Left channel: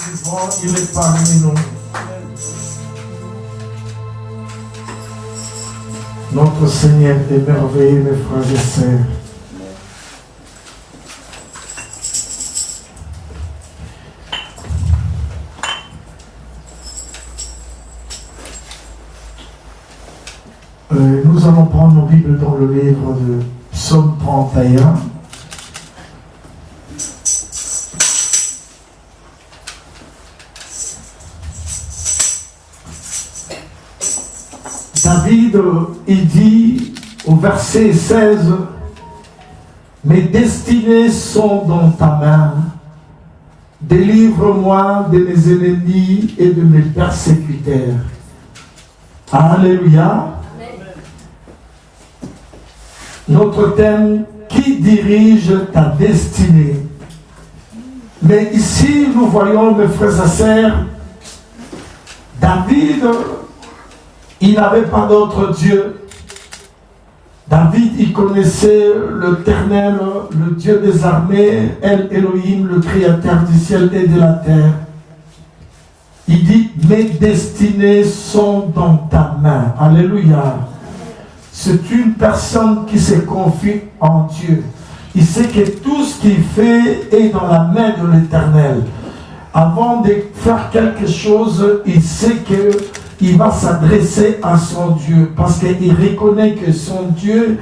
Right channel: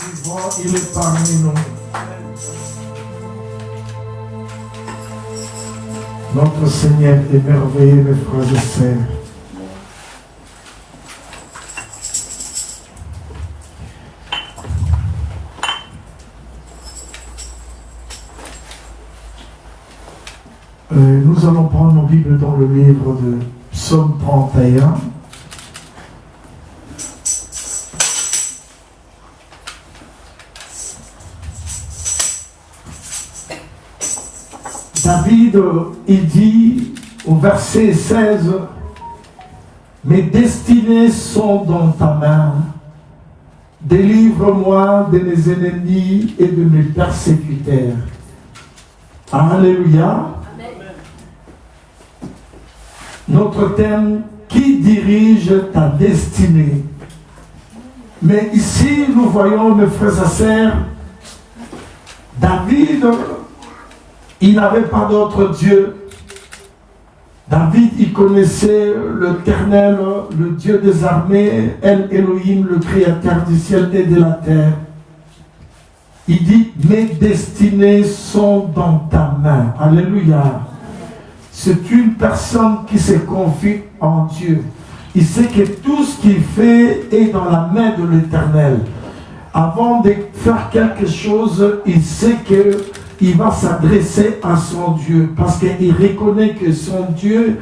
vivant, il est parmi nous. Notre Seigneur est merveilleux, mes frères et sœurs. Nous allons prendre nos Bibles dans le livre de Psaume 31. David, il dit au verset 16, « Mes destinées sont dans ta main. Délivre-moi de mes ennemis et de mes persécuteurs. » Alléluia. Notre thème, qui dirige ta destinée? Mais ici, nous voyons, mes frères et sœurs, David, il n'avait pas d'autre Dieu. David, il connaissait l'Éternel, le Dieu des armées, El Elohim, le Créateur du ciel et de la terre. Il dit, mes destinées sont dans ta main. Alléluia. C'est une personne qui se confie en Dieu. Il sait que tout ce qu'il fait est dans la main de l'Éternel. Avant de faire quelque chose, il sait qu'il va s'adresser à son Dieu. Parce qu'il reconnaît que son Dieu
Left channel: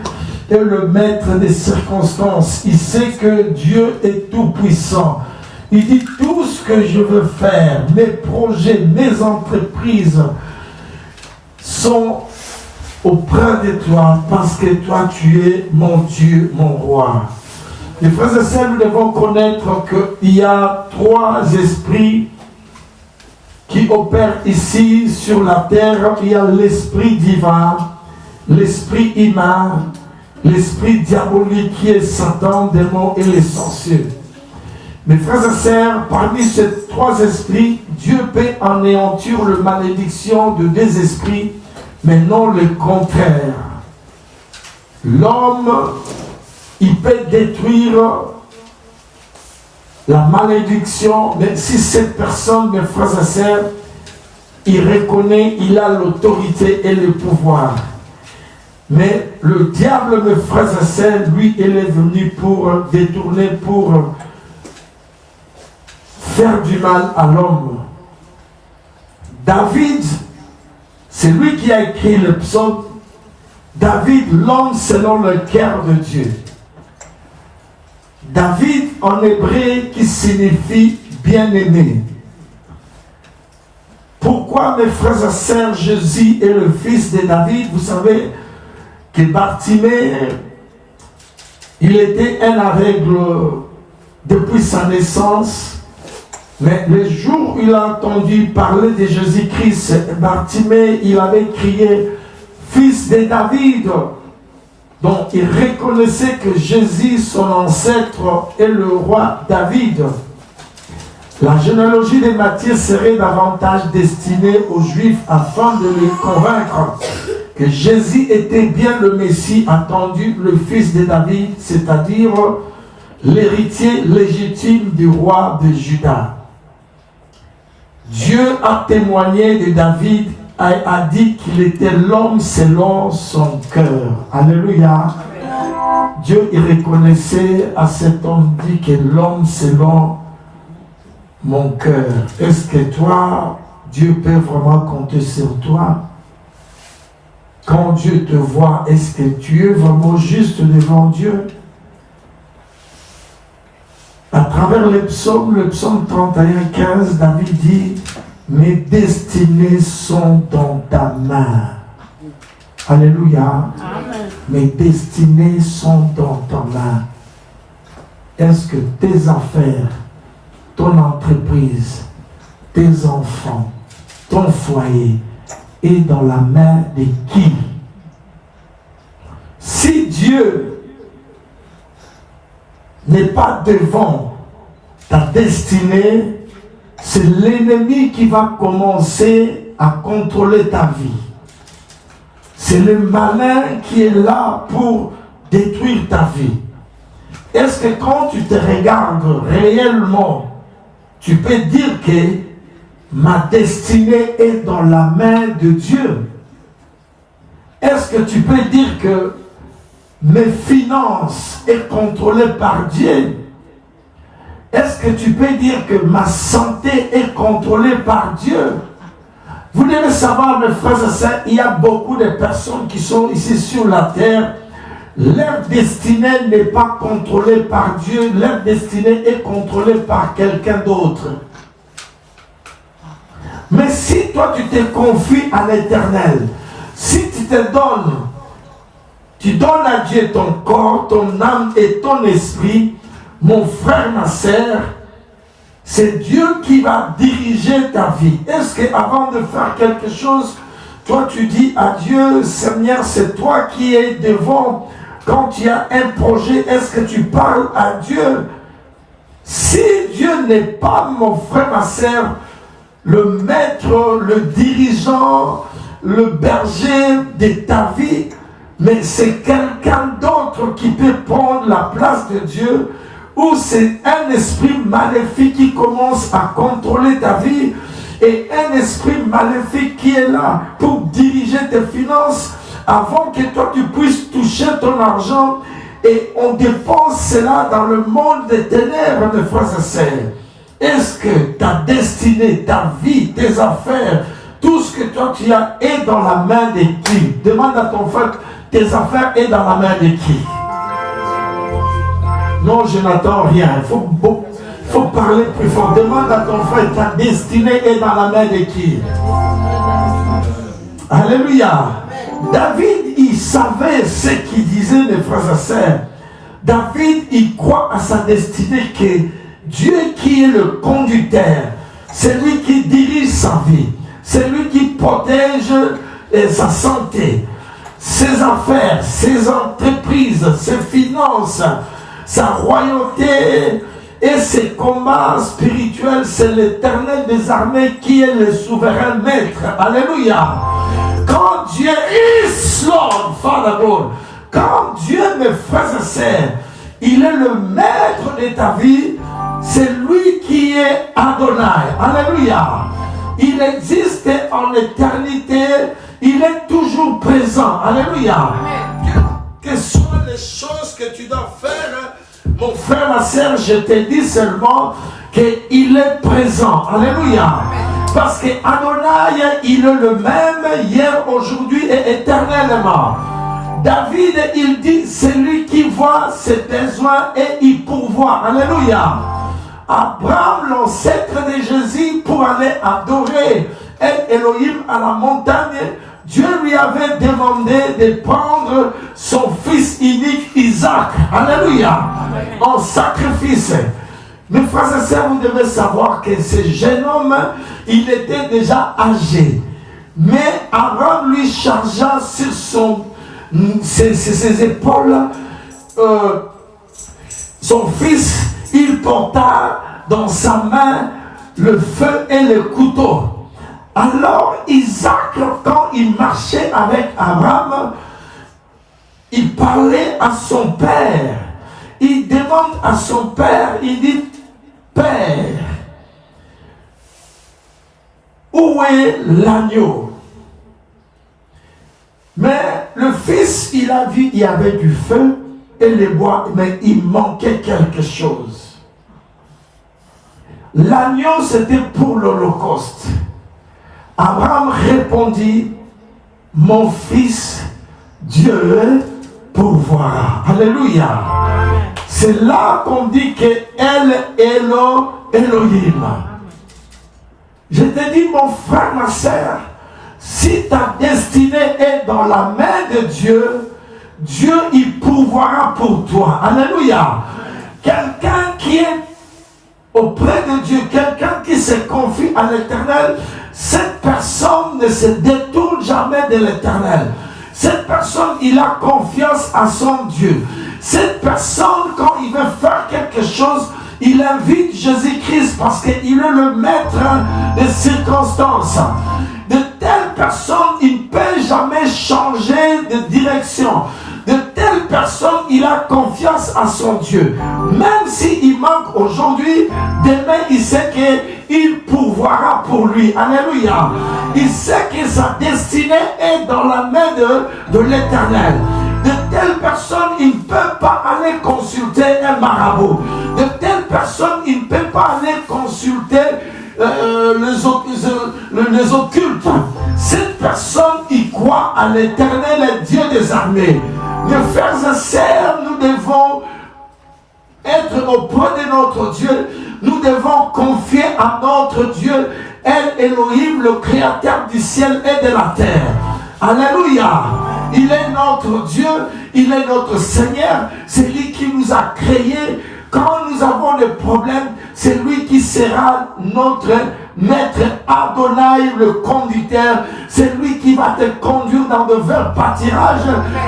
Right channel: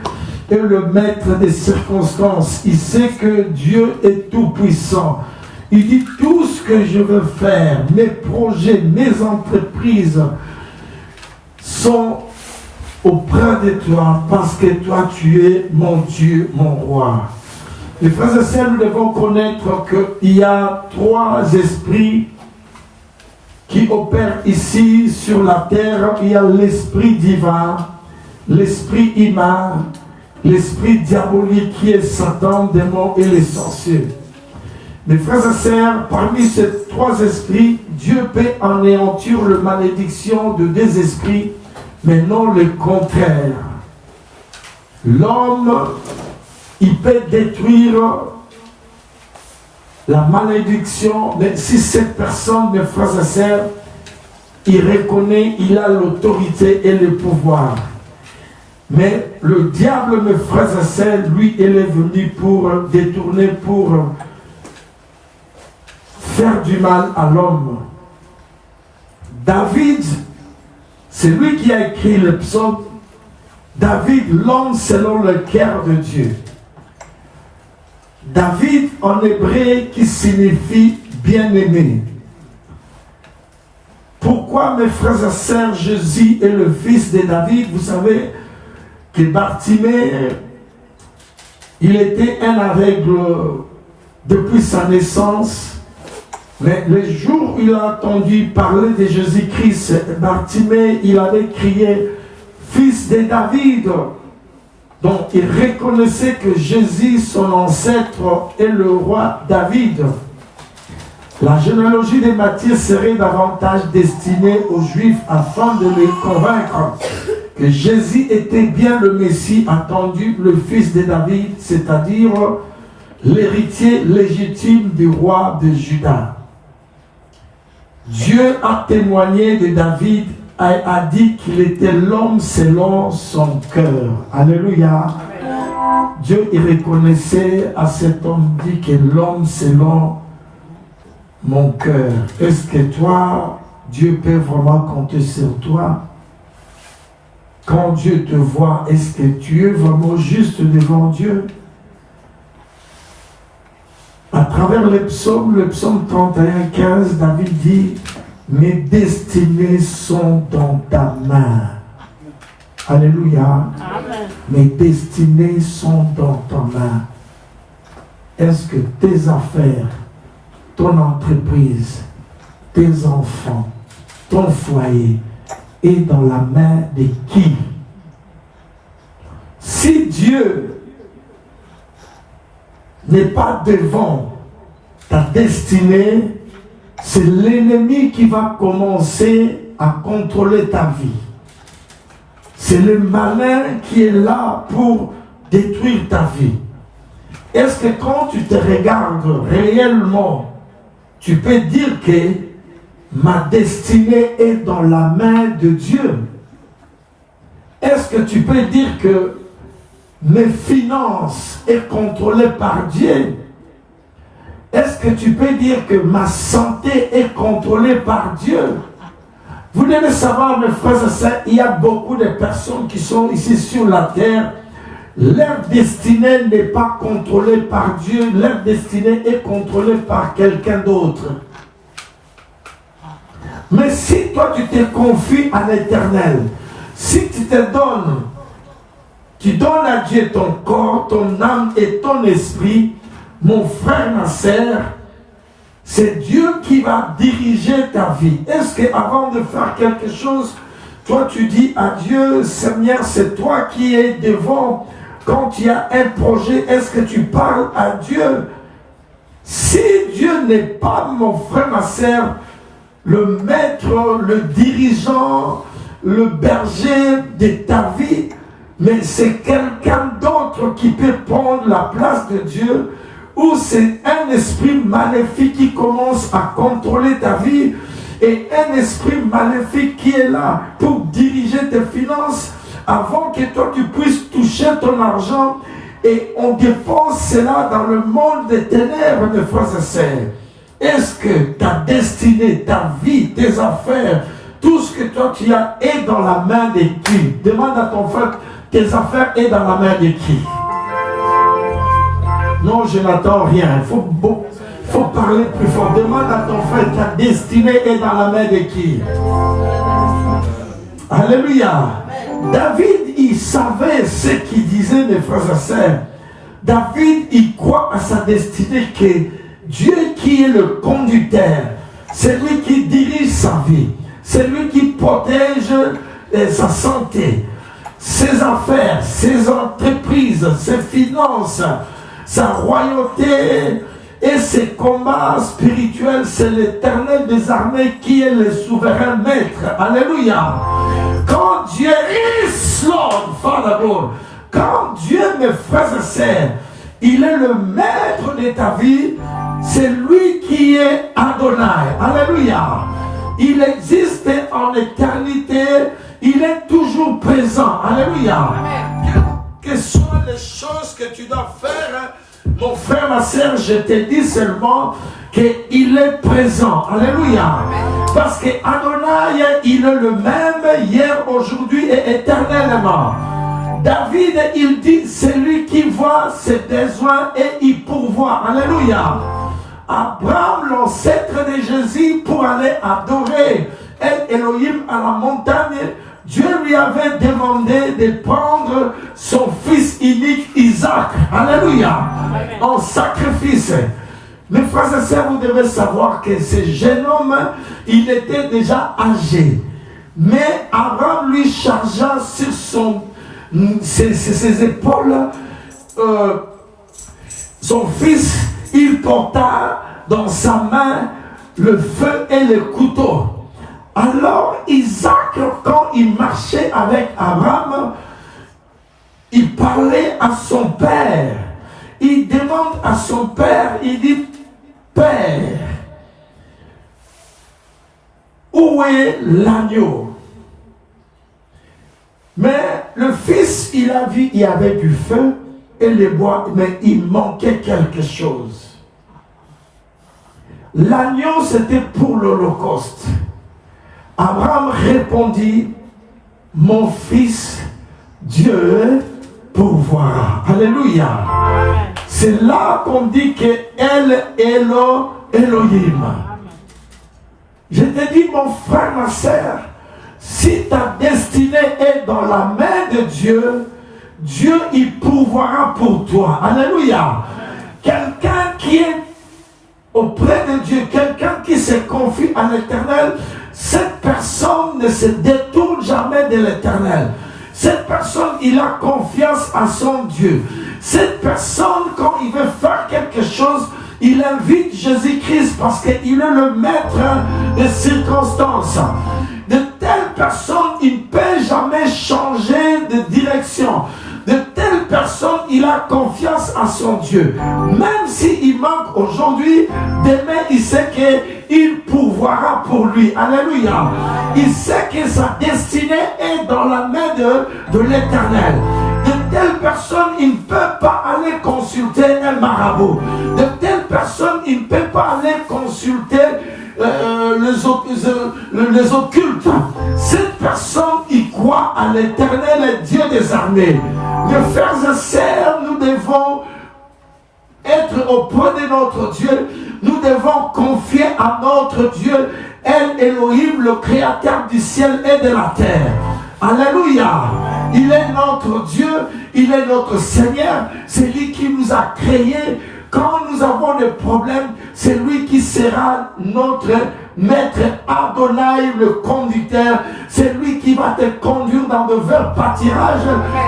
est le maître des circonstances. Il sait que Dieu est tout puissant. Il dit, tout ce que je veux faire, mes projets, mes entreprises sont auprès de toi, parce que toi tu es mon Dieu, mon roi. Les frères et sœurs, nous devons connaître qu'il y a trois esprits qui opèrent ici sur la terre. Il y a l'esprit divin, l'esprit humain, l'esprit diabolique qui est Satan, démon et les sorciers. Mes frères et sœurs, parmi ces trois esprits, Dieu peut anéantir la malédiction de deux esprits, mais non le contraire. L'homme, il peut détruire la malédiction, mais si cette personne, mes frères et sœurs, il reconnaît, il a l'autorité et le pouvoir. Mais le diable, mes frères et sœurs, lui, il est venu pour détourner, pour faire du mal à l'homme. David, c'est lui qui a écrit le psaume. David, l'homme selon le cœur de Dieu. David, en hébreu, qui signifie bien-aimé. Pourquoi, mes frères et sœurs, Jésus est le fils de David? Vous savez que Bartimée, il était un aveugle depuis sa naissance. Mais le jour où il a entendu parler de Jésus-Christ, Bartimée, il avait crié « Fils de David ». Donc il reconnaissait que Jésus, son ancêtre, est le roi David. La généalogie de Matthieu serait davantage destinée aux Juifs afin de les convaincre que Jésus était bien le Messie attendu, le fils de David, c'est-à-dire l'héritier légitime du roi de Juda. Dieu a témoigné de David, a dit qu'il était l'homme selon son cœur. Alléluia. Dieu il reconnaissait à cet homme, dit que l'homme selon mon cœur. Est-ce que toi, Dieu peut vraiment compter sur toi? Quand Dieu te voit, est-ce que tu es vraiment juste devant Dieu? À travers le psaume 31, 15, David dit, « Mes destinées sont dans ta main. » Alléluia. Amen. Mes destinées sont dans ta main. Est-ce que tes affaires, ton entreprise, tes enfants, ton foyer est dans la main de qui? Si Dieu n'est pas devant ta destinée, c'est l'ennemi qui va commencer à contrôler ta vie. C'est le malin qui est là pour détruire ta vie. Est-ce que quand tu te regardes réellement, tu peux dire que ma destinée est dans la main de Dieu? Est-ce que tu peux dire que mes finances sont contrôlées par Dieu? Est-ce que tu peux dire que ma santé est contrôlée par Dieu? Vous devez savoir, mes frères et sœurs, il y a beaucoup de personnes qui sont ici sur la terre. Leur destinée n'est pas contrôlée par Dieu, leur destinée est contrôlée par quelqu'un d'autre. Mais si toi tu te confies à l'Éternel, si tu te donnes, tu donnes à Dieu ton corps, ton âme et ton esprit, mon frère, ma sœur, c'est Dieu qui va diriger ta vie. Est-ce qu'avant de faire quelque chose, toi tu dis à Dieu, Seigneur, c'est toi qui es devant. Quand il y a un projet, est-ce que tu parles à Dieu? Si Dieu n'est pas, mon frère, ma sœur, le maître, le dirigeant, le berger de ta vie, mais c'est quelqu'un d'autre qui peut prendre la place de Dieu, ou c'est un esprit maléfique qui commence à contrôler ta vie, et un esprit maléfique qui est là pour diriger tes finances avant que toi tu puisses toucher ton argent, et on dépense cela dans le monde des ténèbres, mes frères et sœurs. Est-ce que ta destinée, ta vie, tes affaires, tout ce que toi tu as est dans la main de qui? Demande à ton frère, tes affaires est dans la main de qui? Non, je n'attends rien. Il faut parler plus fort. Demande à ton frère, ta destinée est dans la main de qui? Alléluia. David, il savait ce qu'il disait, mes frères et sœurs. David, il croit à sa destinée, que Dieu qui est le conducteur, c'est lui qui dirige sa vie, c'est lui qui protège sa santé, ses affaires, ses entreprises, ses finances, sa royauté et ses combats spirituels. C'est l'Éternel des armées qui est le souverain maître. Alléluia. Quand Dieu is Lord, Father God, quand Dieu, mes frères et sœurs, il est le maître de ta vie, c'est lui qui est Adonai. Alléluia. Il existe en éternité, il est toujours présent. Alléluia. Quelles sont les choses que tu dois faire? Mon frère, ma sœur, je te dis seulement qu'il est présent. Alléluia. Parce que Adonai, il est le même hier, aujourd'hui et éternellement. David, il dit, c'est lui qui voit ses besoins et il pourvoit. Alléluia. Abraham, l'ancêtre de Jésus, pour aller adorer Elohim à la montagne, Dieu lui avait demandé de prendre son fils unique Isaac. Alléluia. En sacrifice. Mes frères et sœurs, vous devez savoir que ce jeune homme, il était déjà âgé. Mais Abraham lui chargea sur ses épaules son fils. Il porta dans sa main le feu et le couteau. Alors Isaac, quand il marchait avec Abraham, il parlait à son père. Il demande à son père, il dit, Père, où est l'agneau? Mais le fils, il a vu, il y avait du feu et les bois, mais il manquait quelque chose. L'agneau, c'était pour l'Holocauste. Abraham répondit, mon fils, Dieu pourvoira. Alléluia. C'est là qu'on dit que El Elohim. Je te dis, mon frère, ma sœur, si ta destinée est dans la main de Dieu, Dieu il pourvoira pour toi. Alléluia. Quelqu'un qui est auprès de Dieu, quelqu'un qui se confie à l'Éternel, cette personne ne se détourne jamais de l'Éternel. Cette personne, il a confiance à son Dieu. Cette personne, quand il veut faire quelque chose, il invite Jésus-Christ parce qu'il est le maître des circonstances. De telles personnes, il ne peut jamais changer de direction. De telles personnes, il a confiance en son Dieu. Même s'il manque aujourd'hui, demain il sait qu'il pourvoira pour lui. Alléluia. Il sait que sa destinée est dans la main de l'Éternel. De telles personnes, il ne peut pas aller consulter un marabout. De telles personnes, il ne peut pas aller consulter les occultes. Cette personne, il croit à l'Éternel, Dieu des armées. Mes frères et sœurs, nous devons être auprès de notre Dieu. Nous devons confier à notre Dieu, El Elohim, le créateur du ciel et de la terre. Alléluia. Il est notre Dieu, il est notre Seigneur, c'est lui qui nous a créés. Quand nous avons des problèmes, c'est lui qui sera notre maître Adonai, le conducteur. C'est lui qui va te conduire dans de verts pâtirages.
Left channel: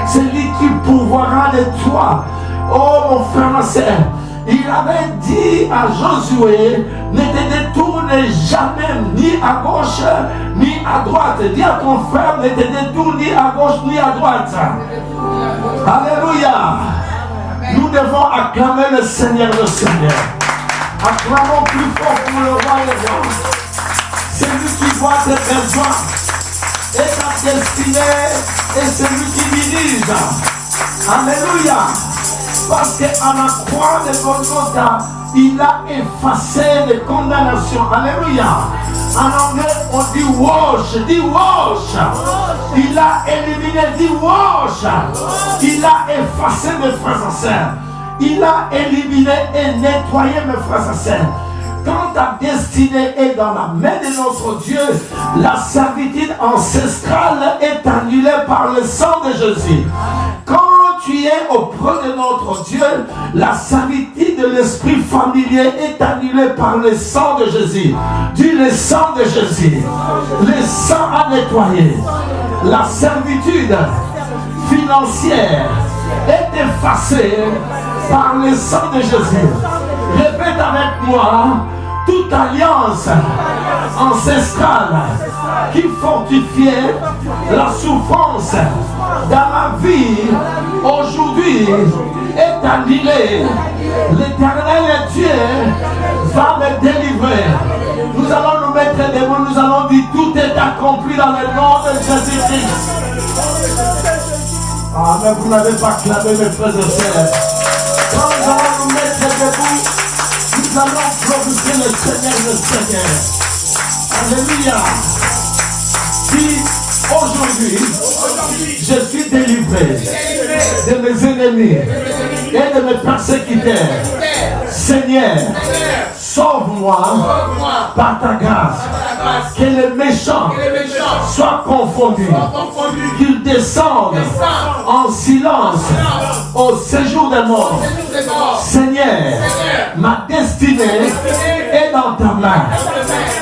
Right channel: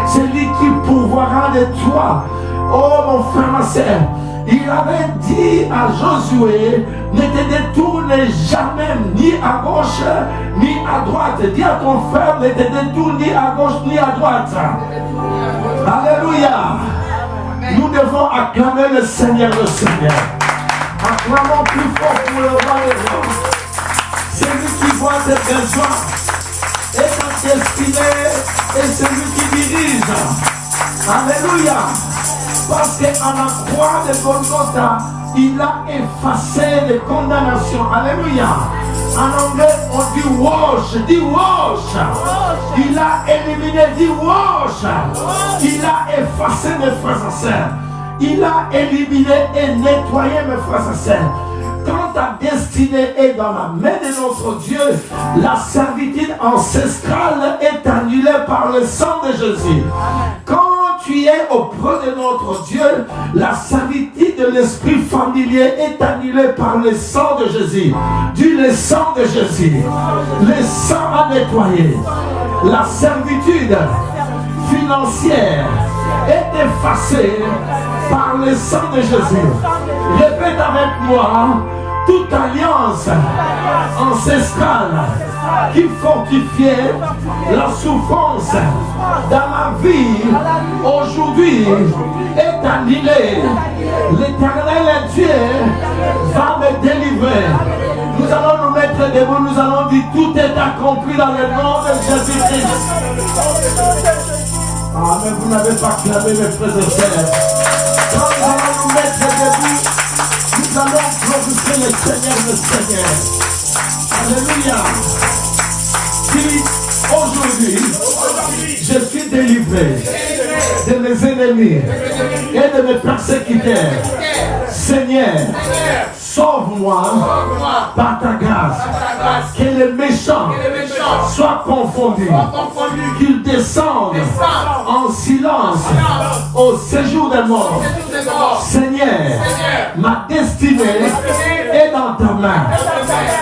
C'est lui qui pourvoira de toi. Oh mon frère et sœur, il avait dit à Josué, ne te détourne jamais ni à gauche ni à droite. Dis à ton frère, ne te détourne ni à gauche ni à droite. Alléluia. Nous devons acclamer le Seigneur, le Seigneur. Acclamons plus fort pour le roi des rois. C'est lui qui voit tes besoins et ta destinée, et c'est lui qui dirige. Alléluia. Parce qu'à la croix de Golgotha, il a effacé les condamnations. Alléluia. En anglais, on dit wash. Dis wash. Il a éliminé, dis wash. Il a effacé mes frères et sœurs. Il a éliminé et nettoyé mes frères et sœurs. Quand ta destinée est dans la main de notre Dieu, la servitude ancestrale est annulée par le sang de Jésus. Quand tu es auprès de notre Dieu, la servitude de l'esprit familier est annulée par le sang de Jésus. Dis le sang de Jésus. Le sang a nettoyé. La servitude financière est effacée par le sang de Jésus. Répète avec moi, toute alliance ancestrale qui fortifiait la souffrance dans la vie aujourd'hui est annulée. L'Éternel Dieu va me délivrer. Nous allons nous mettre debout, nous allons dire tout est accompli dans le nom de Jésus-Christ. Ah, mais vous n'avez pas clamé, mes frères et sœurs. Quand nous allons nous mettre debout, nous allons glorifier le Seigneur, le Seigneur. Alléluia. Si aujourd'hui, je suis délivré de mes ennemis et de mes persécuteurs, Seigneur, sauve-moi par ta grâce. Que les méchants soient confondus, qu'ils descendent en silence au séjour des morts. Seigneur, ma destinée est dans ta main.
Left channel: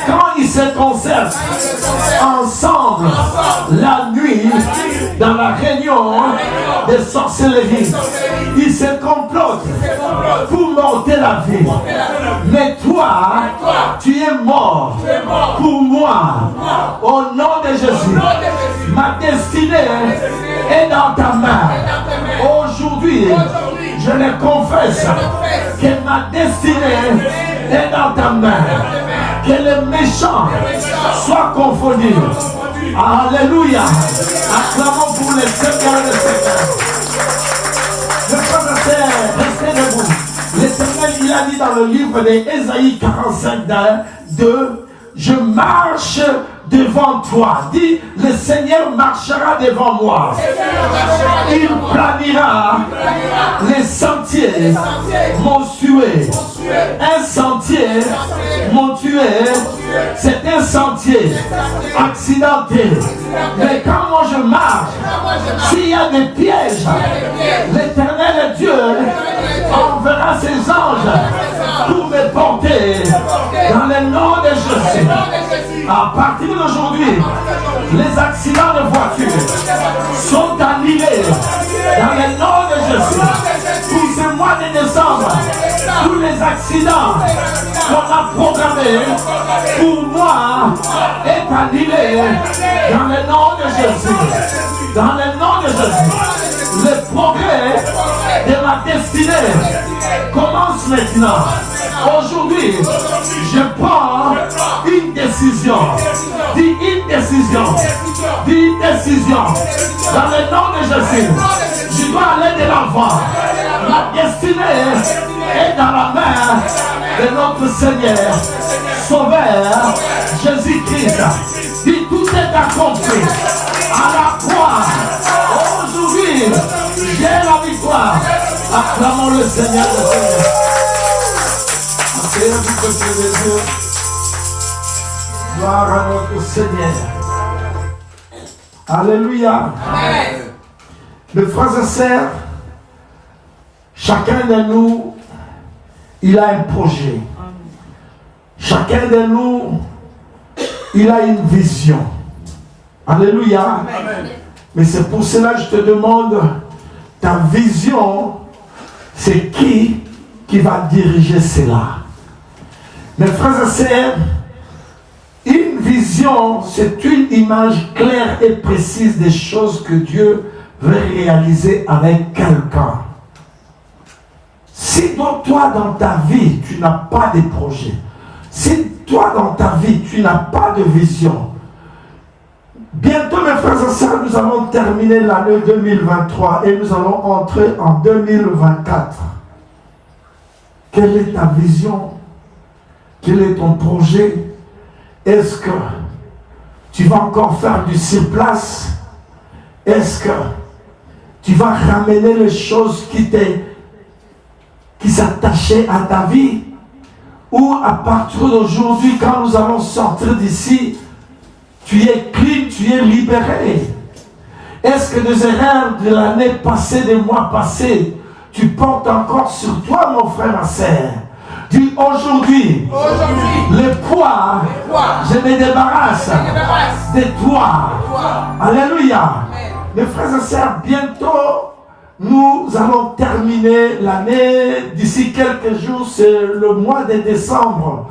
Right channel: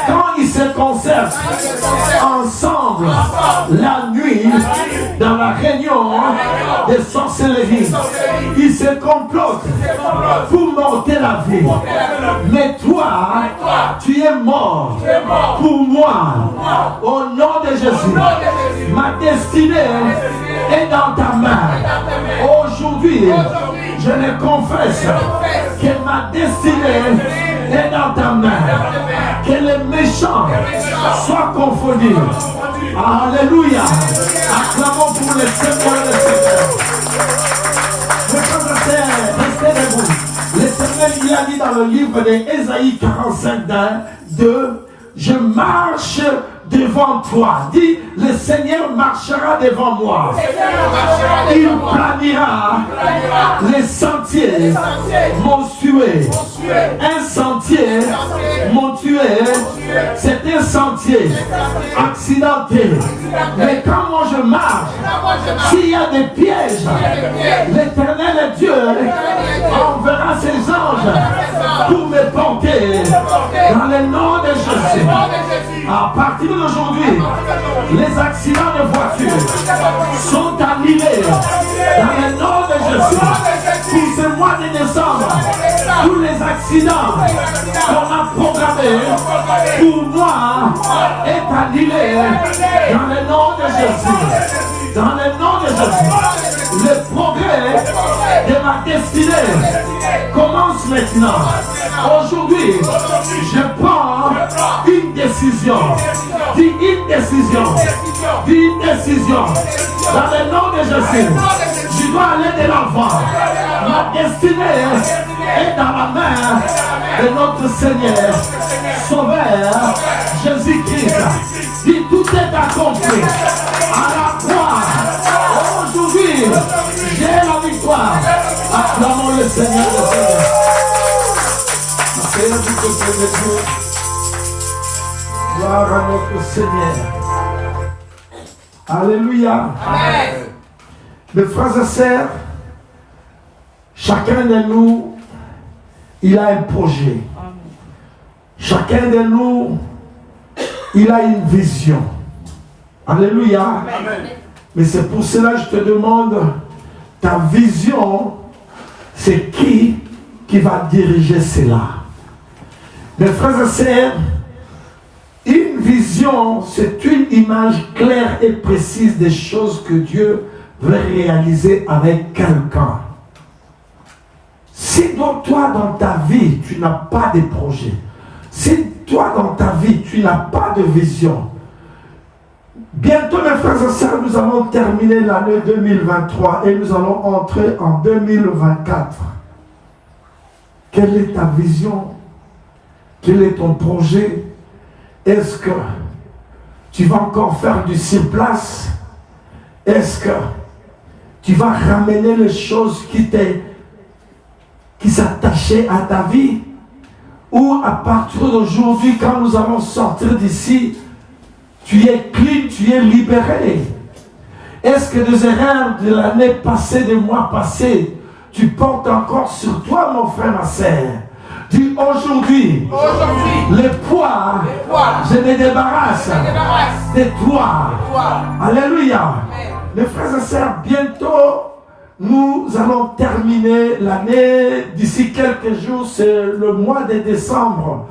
Quand ils se concertent ensemble la nuit dans la réunion des sorcelleries, ils se complotent pour m'ôter la vie. Mais toi, tu es mort pour moi. Au nom de Jésus, ma destinée est dans ta main. Aujourd'hui, je le confesse que ma destinée est dans ta main. Que les méchants soient confondus. Alléluia. Acclamons pour le Seigneur et le Seigneur. Restez debout. L'Éternel, il a dit dans le livre d'Ésaïe 45, 2, je marche devant toi. Dis, le Seigneur marchera devant moi. Il planira les sentiers montueux. Un sentier montueux, c'est un sentier accidenté. Mais quand moi je marche, s'il y a des pièges, l'Éternel Dieu enverra ses anges pour me porter dans le nom de Jésus. À partir d'aujourd'hui, les accidents de voiture sont annulés dans le nom de Jésus. Pour ce mois de décembre, tous les accidents qu'on a programmés pour moi est annulé dans le nom de Jésus. Dans le nom de Jésus, le progrès de destinée commence maintenant. Aujourd'hui, je prends une décision. Dis une décision. Dis une décision. Dans le nom de Jésus, je dois aller de l'avant. Ma destinée est dans la main de notre Seigneur, Sauveur, Jésus-Christ. Dis tout est accompli. À la croix, aujourd'hui, j'ai la victoire. Acclamons le Seigneur de Seigneur. Seigneur du peuple de Dieu. Gloire à notre Seigneur. Alléluia. Amen. Mes frères et sœurs, chacun de nous, il a un projet. Chacun de nous, il a une vision. Alléluia. Amen. Mais c'est pour cela que je te demande, ta vision, c'est qui va diriger cela? Mes frères et sœurs, une vision, c'est une image claire et précise des choses que Dieu veut réaliser avec quelqu'un. Si toi, dans ta vie, tu n'as pas de projet, si toi, dans ta vie, tu n'as pas de vision, bientôt, mes frères et sœurs, nous allons terminer l'année 2023 et nous allons entrer en 2024. Quelle est ta vision? Quel est ton projet? Est-ce que tu vas encore faire du surplace? Est-ce que tu vas ramener les choses qui s'attachaient à ta vie? Ou à partir d'aujourd'hui, quand nous allons sortir d'ici, tu es clean, tu es libéré? Est-ce que des erreurs de l'année passée, des mois passés, tu portes encore sur toi, mon frère, ma sœur? Dis aujourd'hui, le poids, je me débarrasse de toi. Alléluia. Mes frères et sœurs, bientôt, nous allons terminer l'année. D'ici quelques jours, c'est le mois de décembre.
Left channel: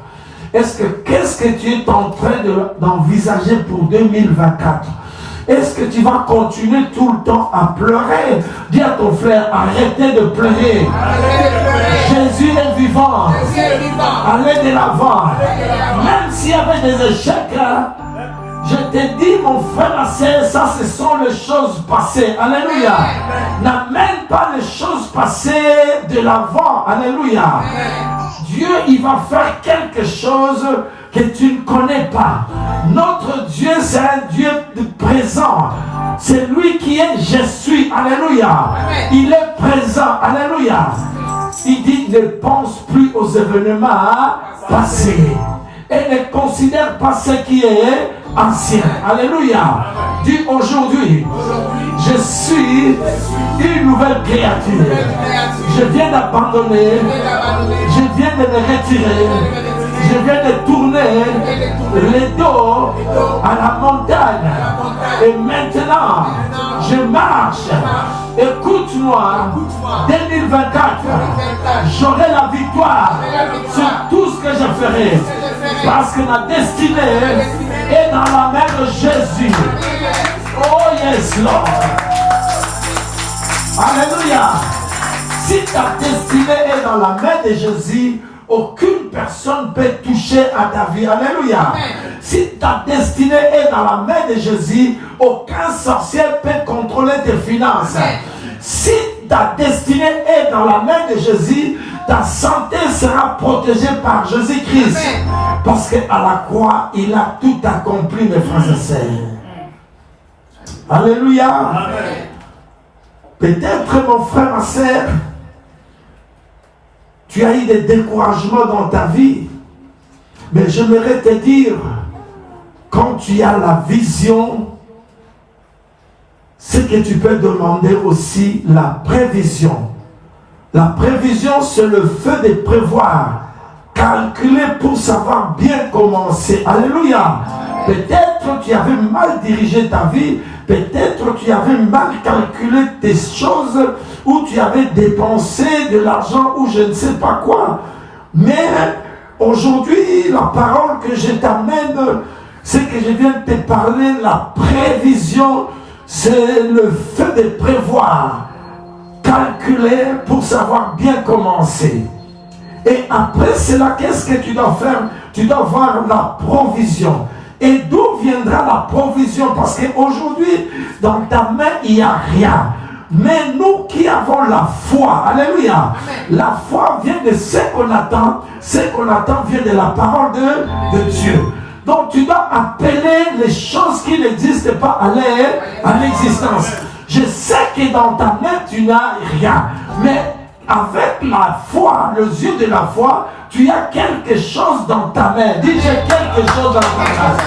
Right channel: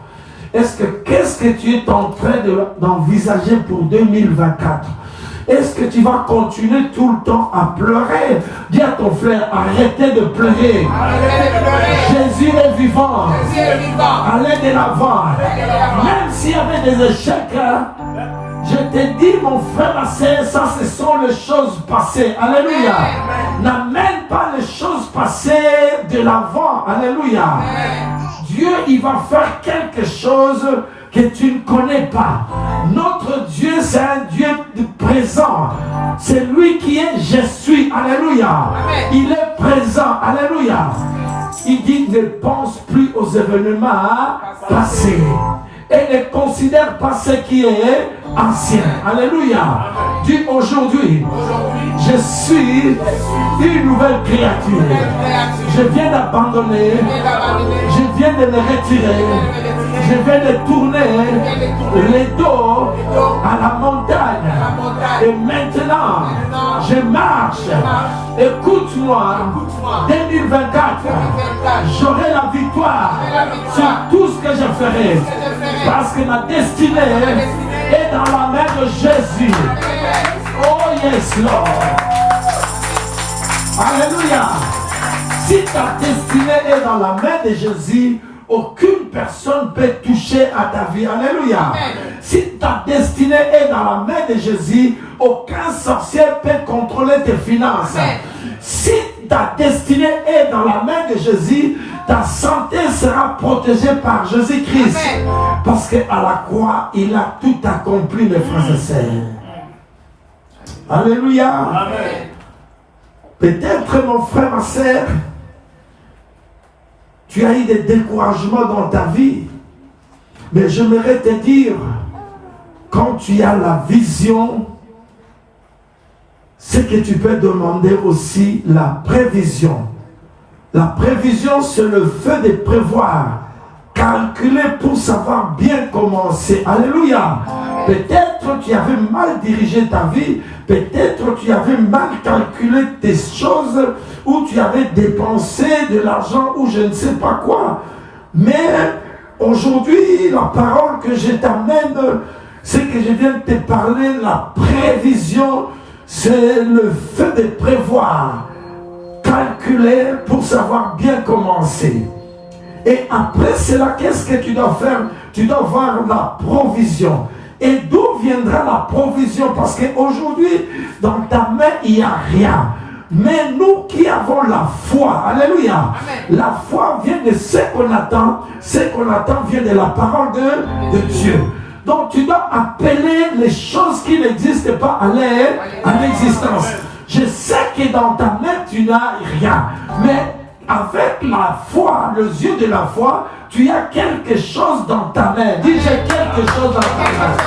Qu'est-ce que tu es en train d'envisager pour 2024? Est-ce que tu vas continuer tout le temps à pleurer? Dis à ton frère, arrêtez de pleurer. Jésus est vivant. Allez de l'avant. Même s'il y avait des échecs, je te dis, mon frère, ma sœur, ça, ce sont les choses passées. Alléluia. N'amène pas les choses passées de l'avant. Alléluia. Dieu, il va faire quelque chose que tu ne connais pas. Notre Dieu, c'est un Dieu de présent. C'est lui qui est je suis. Alléluia. Il est présent. Alléluia. Il dit, ne pense plus aux événements passés et ne considère pas ce qui est ancien. Alléluia. Dis aujourd'hui, je suis une nouvelle créature. Je viens d'abandonner, je viens de me retirer, je viens de tourner les dos à la montagne. Et maintenant, je marche. Écoute-moi, 2024, j'aurai la victoire sur tout ce que je ferai. Parce que ma destinée est dans la main de Jésus. Oh yes, Lord. Alléluia. Si ta destinée est dans la main de Jésus, aucune personne peut toucher à ta vie. Alléluia. Si ta destinée est dans la main de Jésus, aucun sorcier peut contrôler tes finances. Si ta destinée est dans la main de Jésus, ta santé sera protégée par Jésus-Christ. Parce qu'à la croix, il a tout accompli, mes frères et sœurs. Alléluia. Amen. Peut-être, mon frère, ma sœur, tu as eu des découragements dans ta vie. Mais j'aimerais te dire, quand tu as la vision, c'est que tu peux demander aussi la prévision. La prévision, c'est le fait de prévoir, calculer pour savoir bien commencer. Alléluia. Peut-être tu avais mal dirigé ta vie, peut-être tu avais mal calculé tes choses, ou tu avais dépensé de l'argent, ou je ne sais pas quoi. Mais aujourd'hui, la parole que je t'amène, c'est que je viens de te parler, la prévision, c'est le fait de prévoir, calculer pour savoir bien commencer. Et après cela, qu'est-ce que tu dois faire? Tu dois voir la provision. Et d'où viendra la provision? Parce qu'aujourd'hui, dans ta main, il n'y a rien. Mais nous qui avons la foi, alléluia, la foi vient de ce qu'on attend vient de la parole de Dieu. Donc tu dois appeler les choses qui n'existent pas à l'existence. Je sais que dans ta main, tu n'as rien. Mais avec la foi, les yeux de la foi, tu as quelque chose dans ta main. Dis, j'ai quelque chose dans ta main.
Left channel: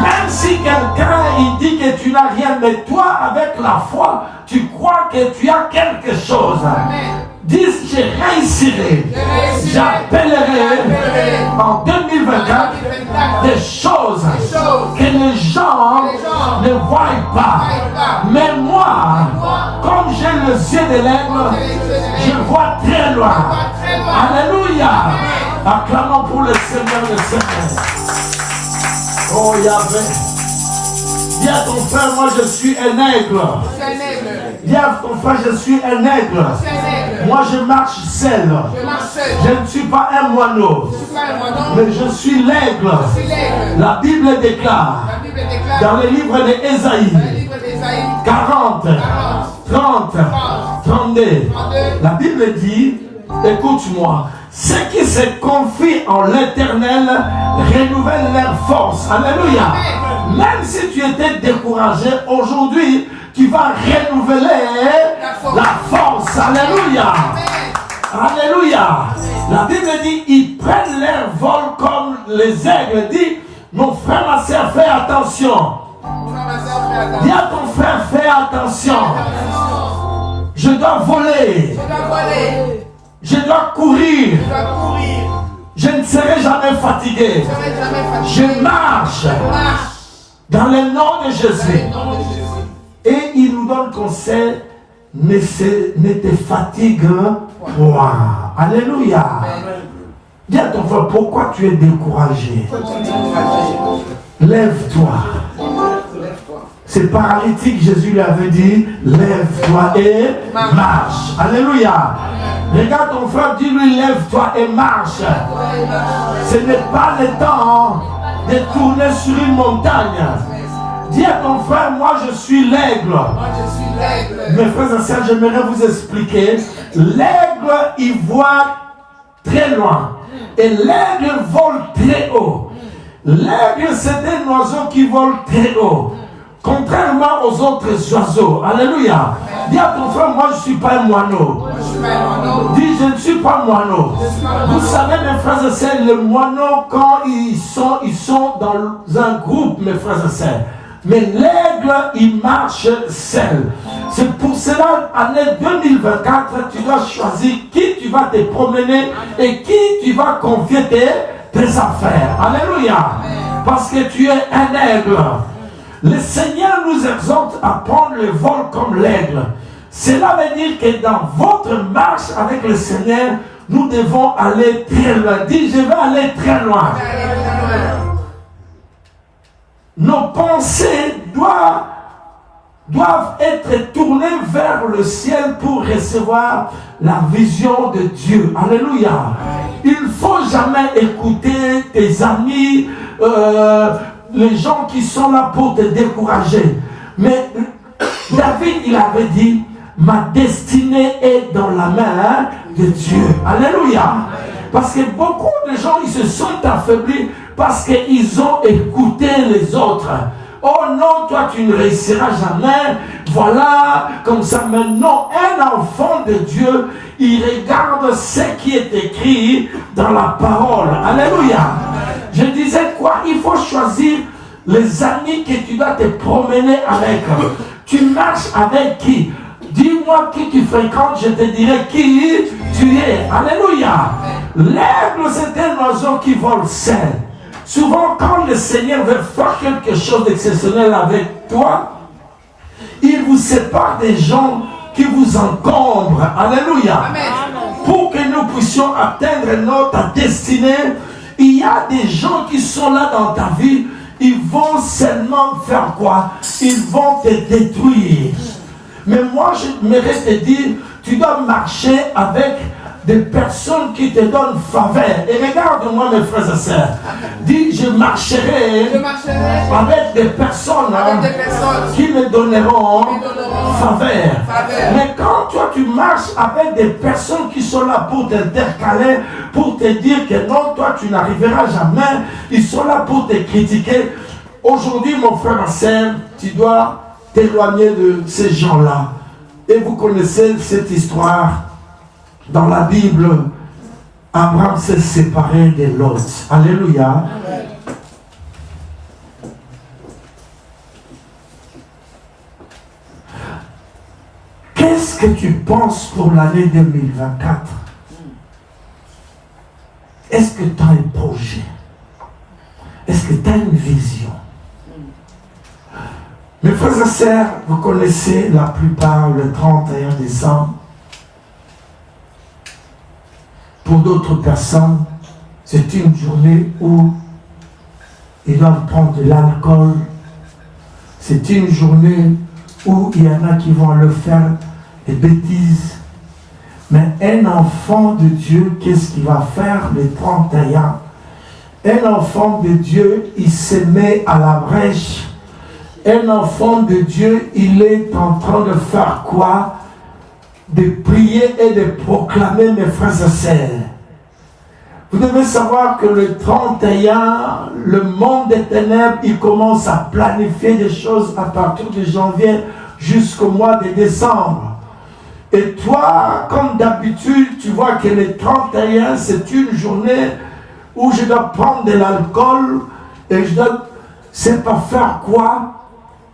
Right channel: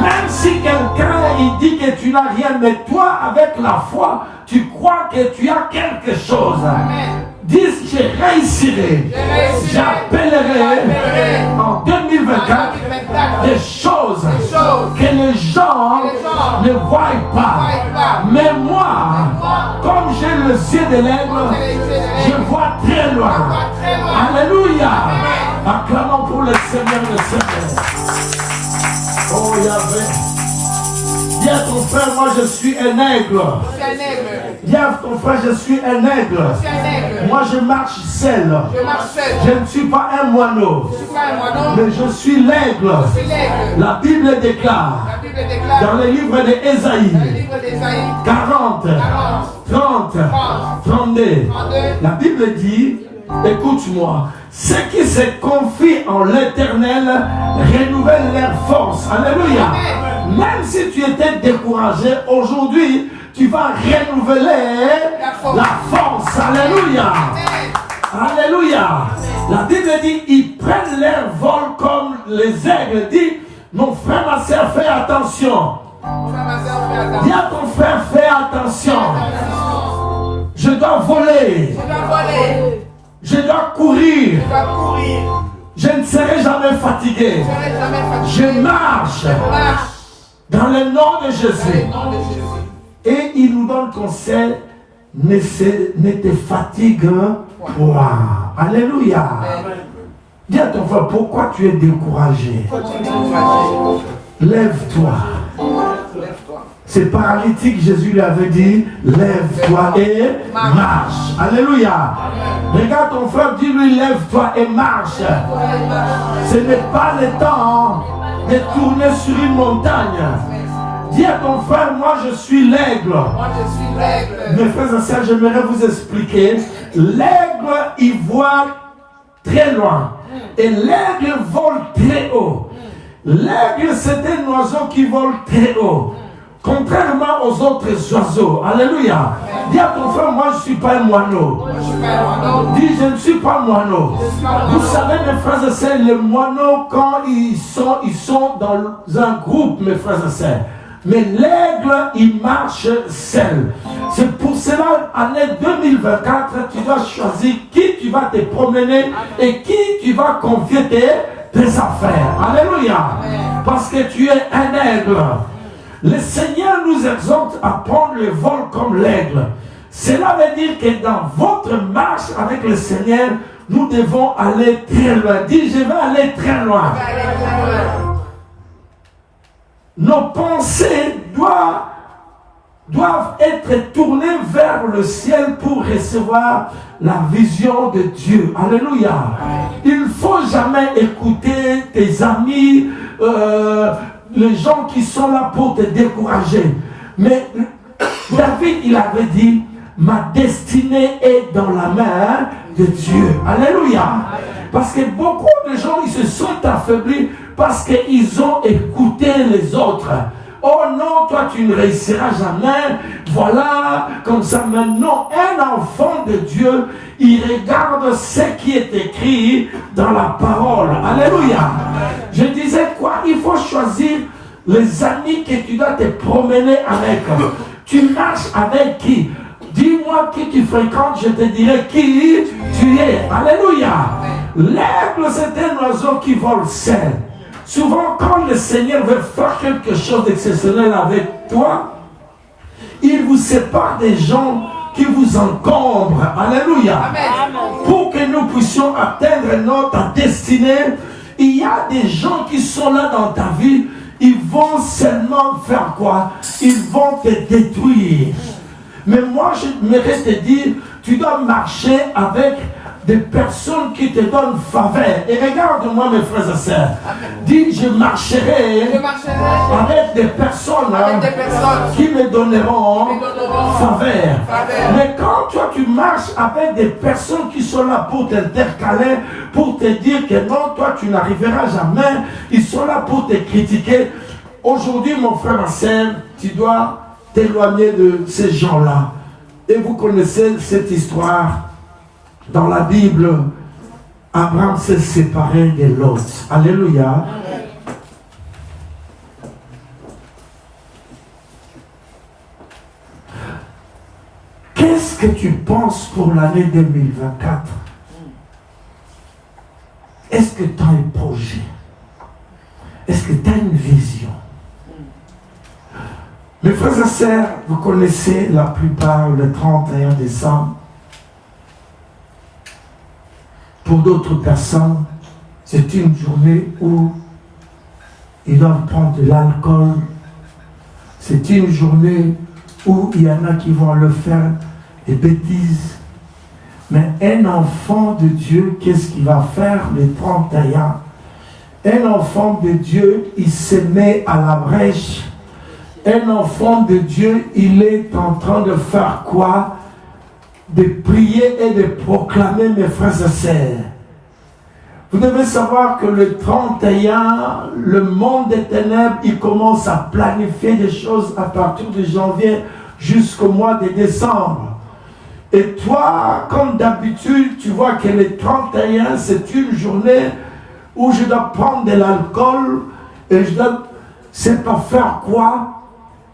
Même si quelqu'un il dit que tu n'as rien, mais toi, avec la foi, tu crois que tu as quelque chose. Dis, je réussirai. J'appellerai en 2024 des choses que les gens ne voient pas. Mais moi, comme j'ai le ciel de l'aigle, je vois très loin. Alléluia. Acclamons pour le Seigneur des Seigneurs. Oh Yahvé. Dis à ton frère, moi je suis un aigle. Dis à ton frère, je suis un aigle. Moi je marche seul. Je ne suis pas un moineau. Mais je suis l'aigle. La Bible déclare dans le livre d'Ésaïe 40, 30, 32. La Bible dit, écoute-moi, ceux qui se confient en l'Éternel renouvellent leur force. Alléluia. Même si tu étais découragé, aujourd'hui, tu vas renouveler la force. Alléluia. Alléluia. La Bible dit, ils prennent leur vol comme les aigles. Dis, mon frère, ma soeur, fais attention. Dis à ton frère, fais attention. Je dois voler. Je dois courir. Je ne serai jamais fatigué. Je marche dans le nom de Jésus. Et il nous donne conseil, ne te fatigue point. Alléluia. Dis à ton frère, pourquoi tu es découragé? Lève-toi. C'est paralytique, Jésus lui avait dit, lève-toi et marche. Alléluia. Regarde ton frère, dis-lui, lève-toi et marche. Ce n'est pas le temps de tourner sur une montagne. Dis à ton frère, moi je suis l'aigle. Mes frères et sœurs, j'aimerais vous expliquer. L'aigle, il voit très loin. Et l'aigle vole très haut. L'aigle, c'est un oiseau qui vole très haut. Contrairement aux autres oiseaux. Alléluia. Dis à ton frère, moi je ne suis pas un moineau. Dis, je ne suis pas un moineau. Vous savez, mes frères et sœurs, les moineaux, quand ils sont dans un groupe, mes frères et sœurs. Mais l'aigle, il marche seul. C'est pour cela, année 2024, tu dois choisir qui tu vas te promener et qui tu vas confier tes affaires. Alléluia. Parce que tu es un aigle. Le Seigneur nous exhorte à prendre le vol comme l'aigle. Cela veut dire que dans votre marche avec le Seigneur, nous devons aller très loin. Dis, je vais aller très loin. Nos pensées doivent être tournées vers le ciel pour recevoir la vision de Dieu. Alléluia. Il ne faut jamais écouter tes amis, les gens qui sont là pour te décourager. Mais David, il avait dit, ma destinée est dans la main de Dieu. Alléluia. Parce que beaucoup de gens, ils se sont affaiblis parce qu'ils ont écouté les autres. Oh non, toi tu ne réussiras jamais. Voilà, comme ça maintenant, un enfant de Dieu, il regarde ce qui est écrit dans la parole. Alléluia. Je disais quoi? Il faut choisir les amis que tu dois te promener avec. Tu marches avec qui? Dis-moi qui tu fréquentes, je te dirai qui tu es. Alléluia. L'aigle, c'est un oiseau qui vole seul. Souvent, quand le Seigneur veut faire quelque chose d'exceptionnel avec toi, il vous sépare des gens qui vous encombrent. Alléluia. Pour que nous puissions atteindre notre destinée, il y a des gens qui sont là dans ta vie, ils vont seulement faire quoi? Ils vont te détruire. Mais moi, je voudrais te dire, tu dois marcher avec des personnes qui te donnent faveur. Et regarde-moi mes frères et sœurs. Dis, je marcherai avec des personnes qui me donneront faveur. Mais quand toi tu marches avec des personnes qui sont là pour t'intercaler, pour te dire que non, toi tu n'arriveras jamais, ils sont là pour te critiquer. Aujourd'hui, mon frère et sœur, tu dois t'éloigner de ces gens-là. Et vous connaissez cette histoire. Dans la Bible, Abraham s'est séparé de Lot. Alléluia. Qu'est-ce que tu penses pour l'année 2024? Est-ce que tu as un projet? Est-ce que tu as une vision? Mes frères et sœurs, vous connaissez la plupart le 31 décembre. Pour d'autres personnes, c'est une journée où ils doivent prendre de l'alcool. C'est une journée où il y en a qui vont le faire des bêtises. Mais un enfant de Dieu, qu'est-ce qu'il va faire le 31? Un enfant de Dieu, il se met à la brèche. Un enfant de Dieu, il est en train de faire quoi? De prier et de proclamer, mes frères et sœurs. Vous devez savoir que le 31, le monde des ténèbres, il commence à planifier des choses à partir de janvier jusqu'au mois de décembre. Et toi, comme d'habitude, tu vois que le 31, c'est une journée où je dois prendre de l'alcool et je dois, c'est pas faire quoi,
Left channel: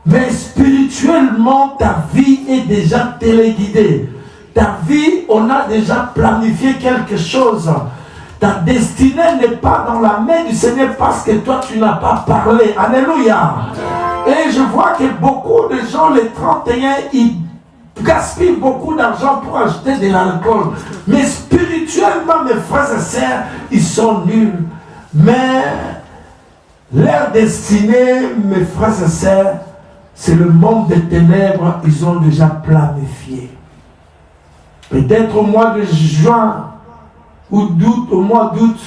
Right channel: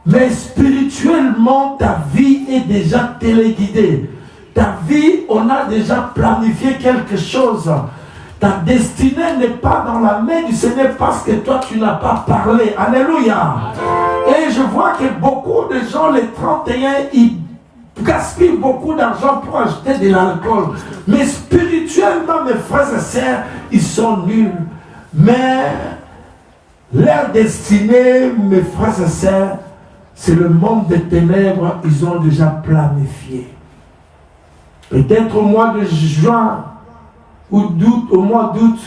mais spirituellement, ta vie est déjà téléguidée. Ta vie, on a déjà planifié quelque chose. Ta destinée n'est pas dans la main du Seigneur parce que toi, tu n'as pas parlé. Alléluia. Et je vois que beaucoup de gens, les 31, ils gaspillent beaucoup d'argent pour acheter de l'alcool. Mais spirituellement, mes frères et sœurs, ils sont nuls. Mais leur destinée, mes frères et sœurs, c'est le monde des ténèbres. Ils ont déjà planifié. Peut-être au mois de juin ou d'août, au mois d'août,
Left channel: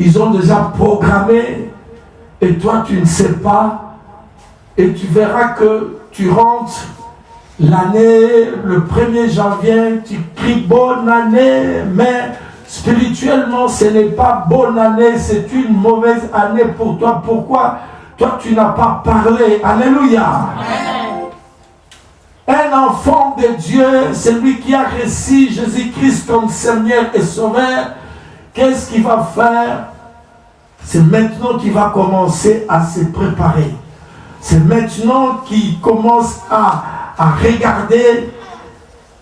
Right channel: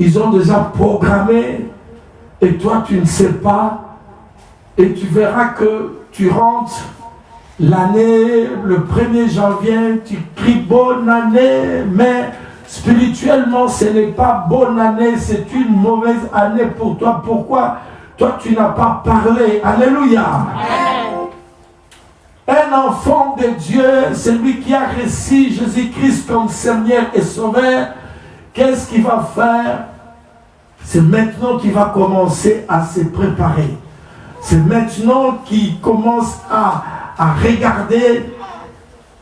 ils ont déjà programmé et toi tu ne sais pas et tu verras que tu rentres l'année, le 1er janvier, tu cries bonne année, mais spirituellement ce n'est pas bonne année, c'est une mauvaise année pour toi. Pourquoi? Toi tu n'as pas parlé. Alléluia. Un enfant de Dieu, celui qui a reçu Jésus-Christ comme Seigneur et Sauveur, qu'est-ce qu'il va faire? C'est maintenant qu'il va commencer à se préparer. C'est maintenant qu'il commence à regarder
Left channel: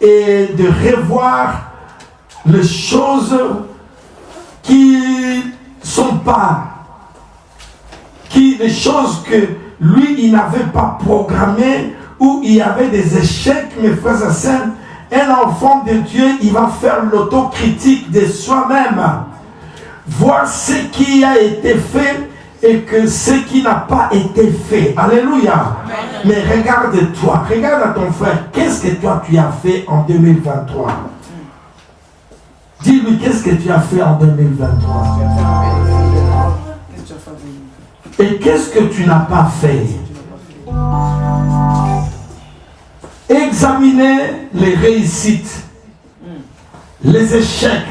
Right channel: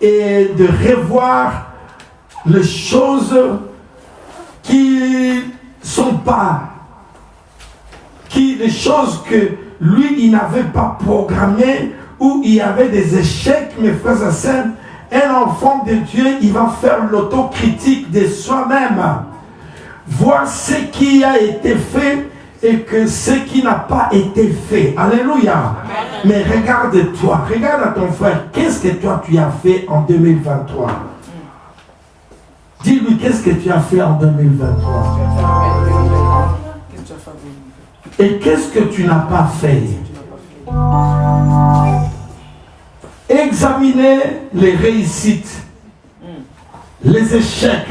et de revoir les choses qui sont pas, les choses que lui, il n'avait pas programmées, où il y avait des échecs, mes frères et sœurs. Un enfant de Dieu, il va faire l'autocritique de soi-même, voir ce qui a été fait et que ce qui n'a pas été fait. Alléluia. Mais regarde-toi, regarde à ton frère, qu'est-ce que toi tu as fait en 2023? Dis-lui, qu'est-ce que tu as fait en 2023? Et qu'est-ce que tu n'as pas fait? Examiner les réussites, les échecs,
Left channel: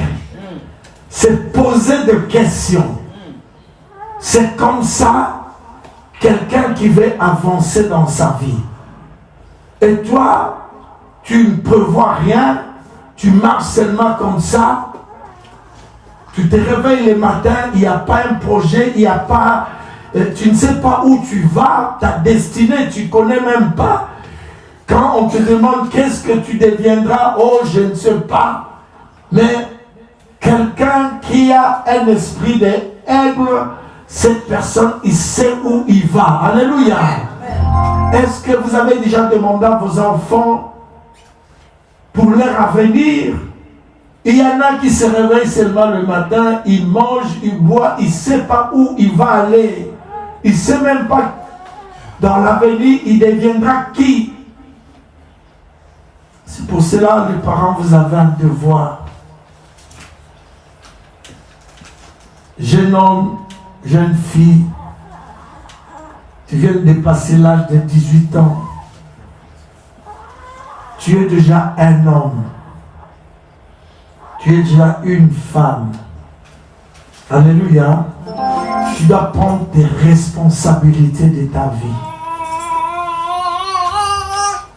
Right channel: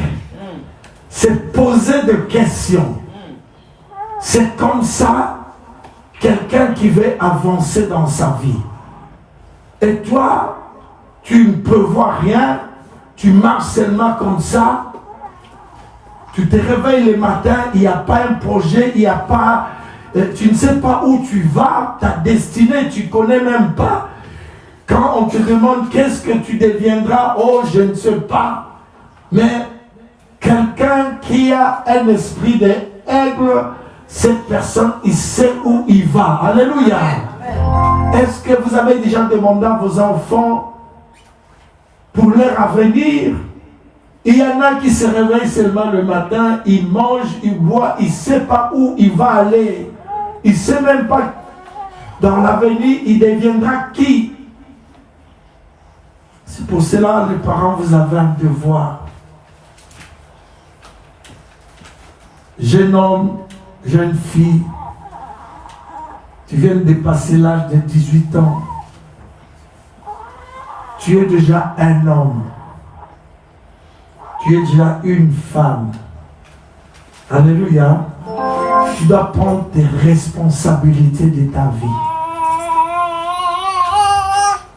c'est poser des questions. C'est comme ça quelqu'un qui veut avancer dans sa vie. Et toi, tu ne prévois rien, tu marches seulement comme ça. Tu te réveilles le matin, il n'y a pas un projet, il n'y a pas... tu ne sais pas où tu vas, ta destinée, tu ne connais même pas. Quand on te demande qu'est-ce que tu deviendras, oh, je ne sais pas. Mais quelqu'un qui a un esprit d'aigle, cette personne, il sait où il va. Alléluia. Est-ce que vous avez déjà demandé à vos enfants pour leur avenir? Il y en a qui se réveillent seulement le matin, ils mangent, ils boivent, ils ne savent pas où il va aller. Il ne sait même pas dans l'avenir, il deviendra qui? C'est pour cela, les parents, vous avez un devoir. Jeune homme, jeune fille, tu viens de dépasser l'âge de 18 ans. Tu es déjà un homme. Tu es déjà une femme. Alléluia. Tu dois prendre tes responsabilités de ta vie.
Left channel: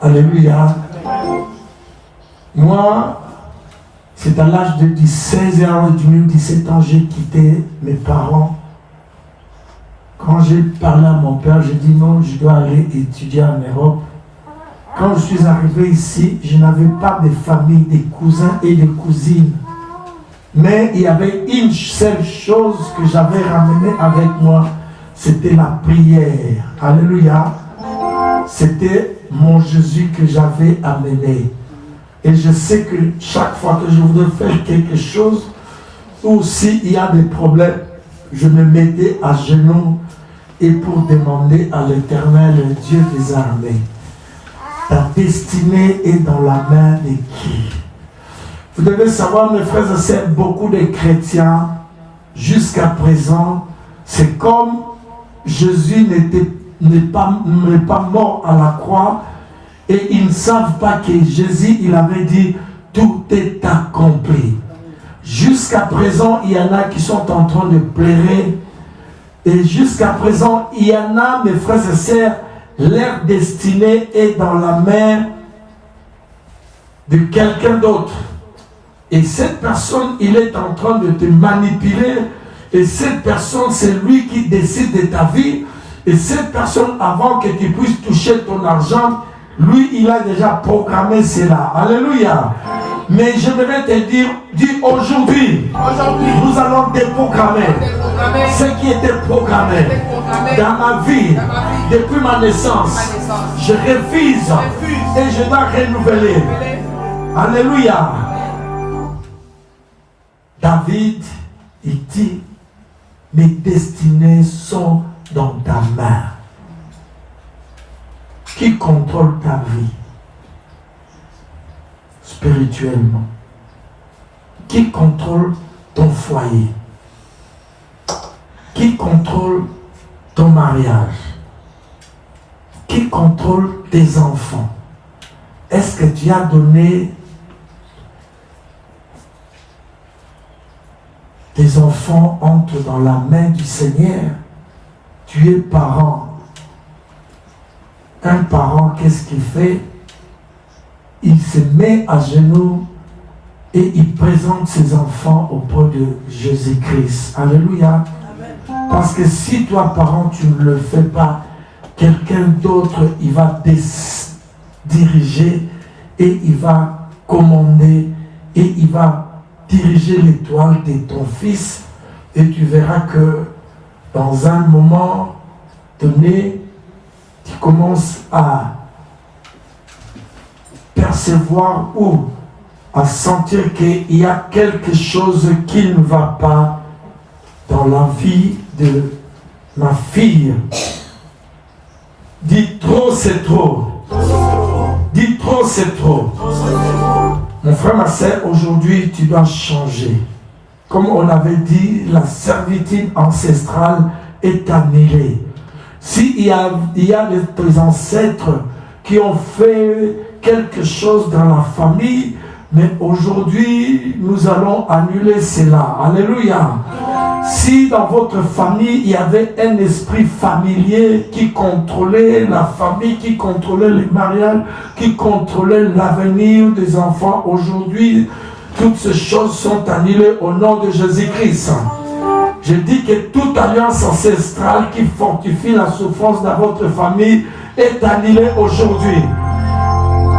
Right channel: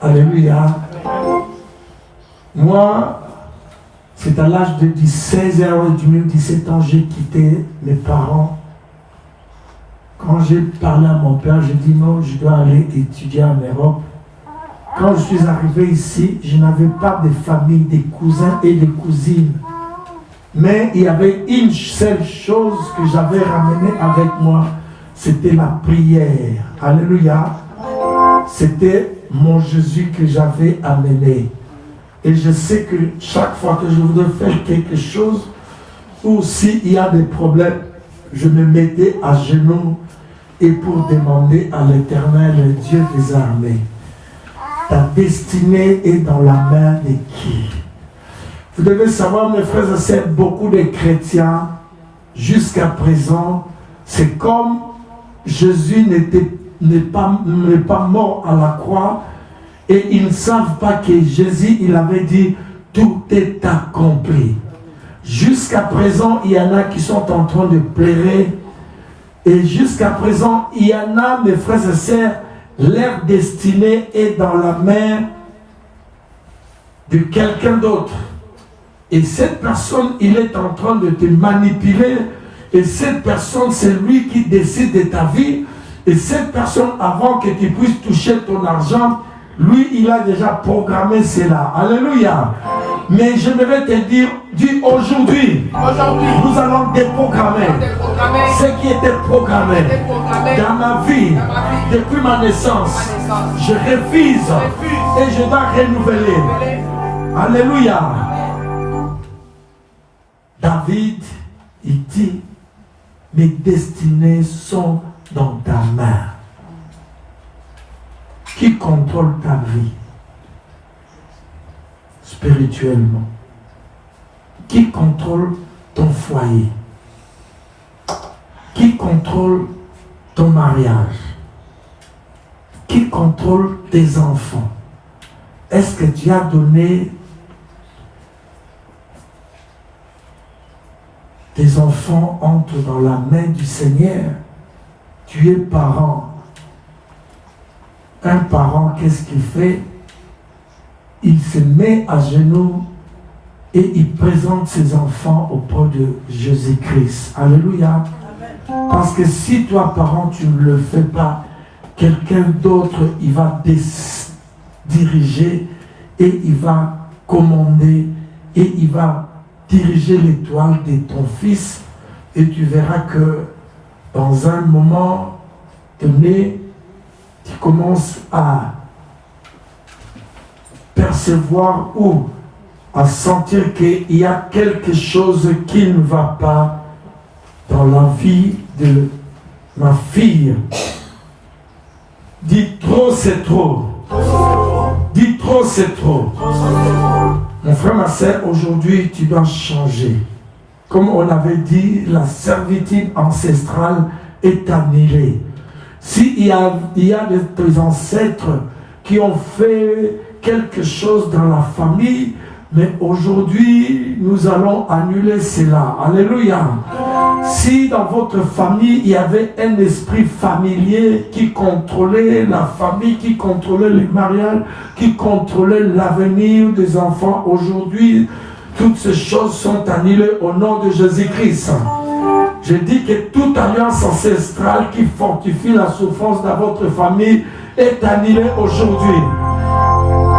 Alléluia. Moi, c'est à l'âge de 16 ans, 17 ans, j'ai quitté mes parents. Quand j'ai parlé à mon père, j'ai dit non, je dois aller étudier en Europe. Quand je suis arrivé ici, je n'avais pas de famille, des cousins et des cousines. Mais il y avait une seule chose que j'avais ramenée avec moi, c'était la prière. Alléluia. C'était mon Jésus que j'avais amené. Et je sais que chaque fois que je voudrais faire quelque chose, ou s'il y a des problèmes, je me mettais à genoux et pour demander à l'Éternel, Dieu des armées, ta destinée est dans la main de qui? Vous devez savoir, mes frères et sœurs, beaucoup de chrétiens, jusqu'à présent, c'est comme Jésus n'est pas mort à la croix, et ils ne savent pas que Jésus, il avait dit, tout est accompli. Jusqu'à présent, il y en a qui sont en train de pleurer, et jusqu'à présent, il y en a, mes frères et sœurs, leur destinée est dans la main de quelqu'un d'autre. Et cette personne, il est en train de te manipuler. Et cette personne, c'est lui qui décide de ta vie. Et cette personne, avant que tu puisses toucher ton argent, lui, il a déjà programmé cela. Alléluia. Mais je vais te dire, dis aujourd'hui, nous allons déprogrammer ce qui était programmé dans ma vie depuis ma naissance. Je refuse et je dois renouveler. Alléluia. David, il dit, mes destinées sont dans ta main. Qui contrôle ta vie spirituellement? Qui contrôle ton foyer? Qui contrôle ton mariage? Qui contrôle tes enfants? Est-ce que tu as donné tes enfants entrent dans la main du Seigneur? Tu es parent. Un parent, qu'est-ce qu'il fait? Il se met à genoux et il présente ses enfants auprès de Jésus-Christ. Alléluia. Parce que si toi, parent, tu ne le fais pas, quelqu'un d'autre, il va diriger et il va commander et il va diriger l'étoile de ton fils. Et tu verras que dans un moment donné, tu commences à percevoir ou à sentir qu'il y a quelque chose qui ne va pas dans la vie de ma fille. Dis trop, c'est trop. Dis trop, c'est trop. Mon frère, ma soeur, aujourd'hui, tu dois changer. Comme on avait dit, la servitude ancestrale est annulée. S'il y a des ancêtres qui ont fait quelque chose dans la famille, mais aujourd'hui, nous allons annuler cela. Alléluia. Si dans votre famille, il y avait un esprit familier qui contrôlait la famille, qui contrôlait les mariages, qui contrôlait l'avenir des enfants, aujourd'hui, toutes ces choses sont annulées au nom de Jésus-Christ. Je dis que toute alliance ancestrale qui fortifie la souffrance dans votre famille est annulée aujourd'hui.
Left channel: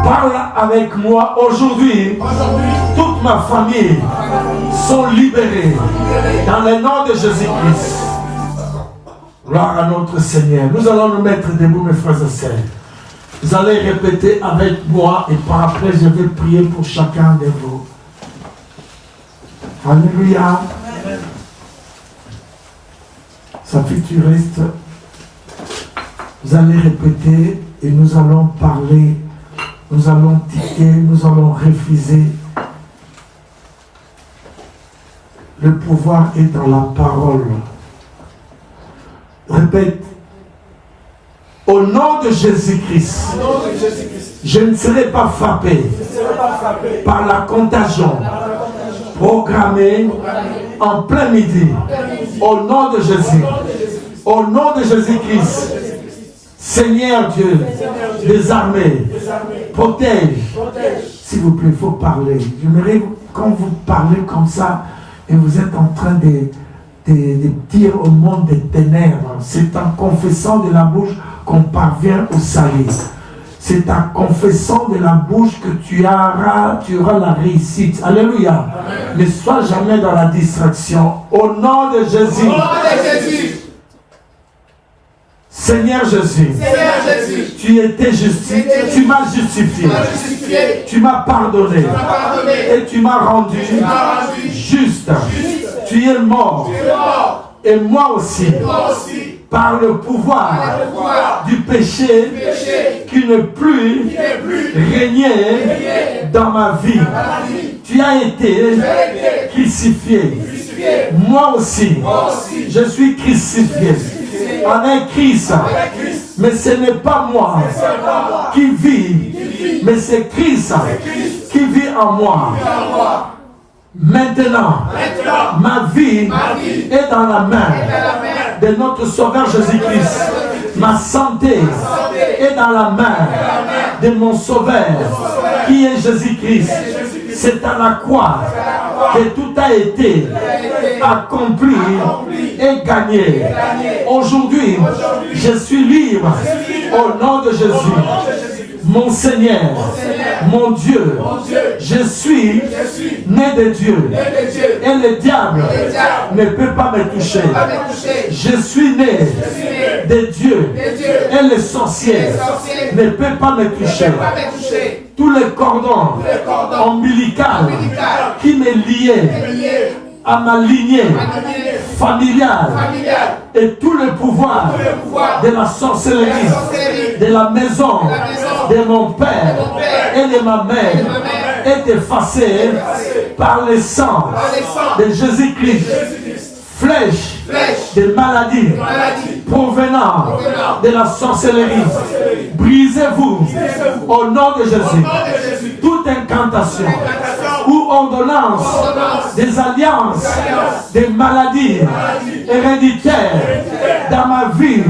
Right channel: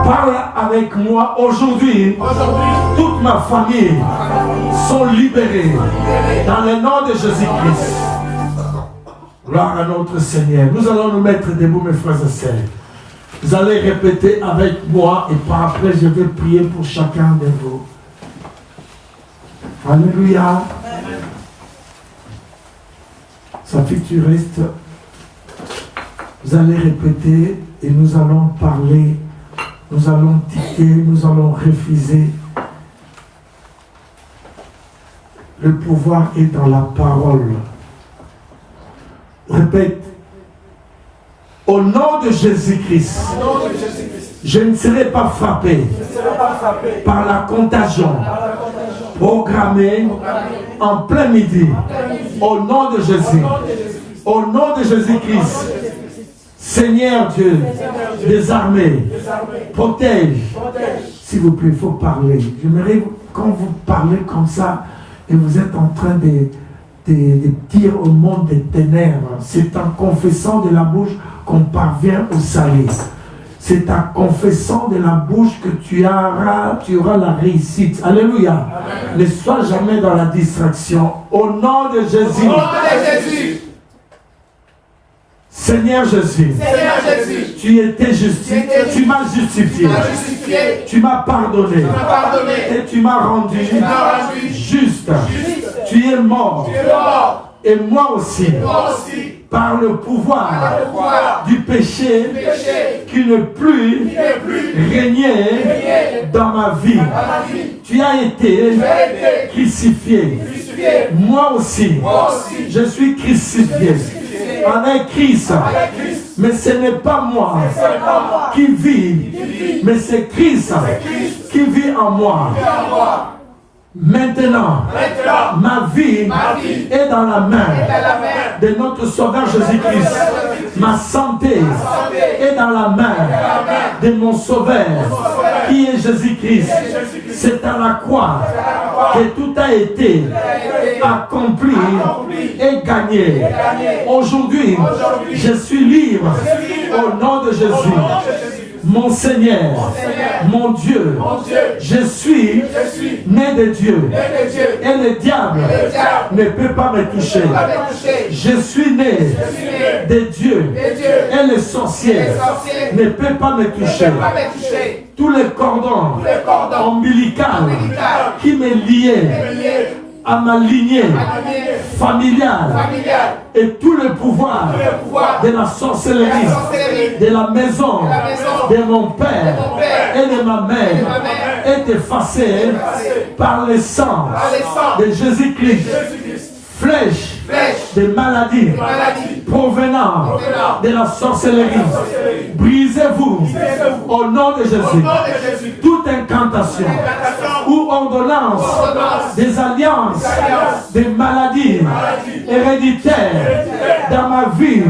Parle avec moi aujourd'hui. Toute ma famille sont libérées dans le nom de Jésus-Christ. Gloire à notre Seigneur. Nous allons nous mettre debout, mes frères et sœurs. Vous allez répéter avec moi et par après je vais prier pour chacun de vous. Alléluia. Sa fille, tu restes. Vous allez répéter et nous allons parler nous allons tiquer, nous allons refuser. Le pouvoir est dans la parole. Répète. Au nom de Jésus-Christ, je ne serai pas frappé par la contagion programmée en plein midi. Au nom de Jésus. Au nom de Jésus-Christ. Seigneur Dieu des armées, protège. S'il vous plaît, il faut parler. J'aimerais quand vous parlez comme ça et vous êtes en train de dire au monde des ténèbres, c'est en confessant de la bouche qu'on parvient au salut. C'est en confessant de la bouche que tu auras la réussite. Alléluia. Amen. Ne sois jamais dans la distraction. Au nom de Jésus. Au nom de Jésus. Seigneur Jésus, tu étais justifié, tu m'as justifié, tu m'as pardonné et tu m'as rendu juste. Tu es mort et moi aussi, par le pouvoir du péché qui ne plus régner dans ma vie. Tu as été crucifié. Moi aussi, je suis crucifié. Avec Christ. Mais ce n'est pas moi qui vis, mais c'est Christ qui vit en moi. Maintenant, ma vie est dans la main de notre Sauveur Jésus-Christ. Ma santé est dans la main de mon Sauveur qui est Jésus-Christ. C'est à la croix que tout a été accompli et gagné. Aujourd'hui, je suis libre au nom de Jésus. Mon Seigneur, mon Dieu, je suis né de Dieu et le diable ne peut pas me toucher. Je suis né de Dieu et les sorciers ne peuvent pas me toucher. Tous les cordons ombilicaux qui me liaient à ma lignée familiale et tout le pouvoir de la sorcellerie, de la maison, de mon père et de ma mère est effacé par le sang de Jésus-Christ. Flèche de maladies provenant de la sorcellerie. Brisez-vous au nom de Jésus. Toute incantation ou ordonnance des alliances, des maladies héréditaires dans ma vie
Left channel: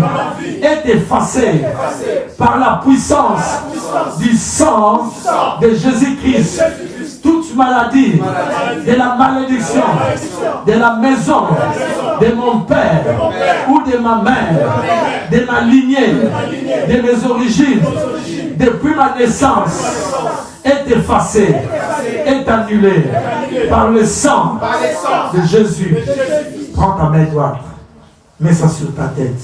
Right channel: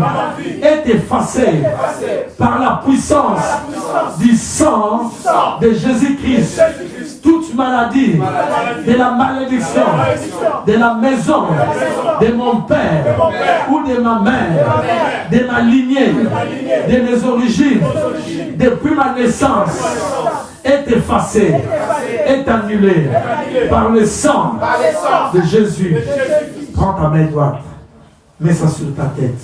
est effacée par la puissance du sang de Jésus-Christ. Toute maladie de la malédiction de la maison de mon père ou de ma mère, de ma lignée, de mes origines, depuis ma naissance, est effacée, est annulée par le sang de Jésus. Prends ta main droite, mets ça sur ta tête.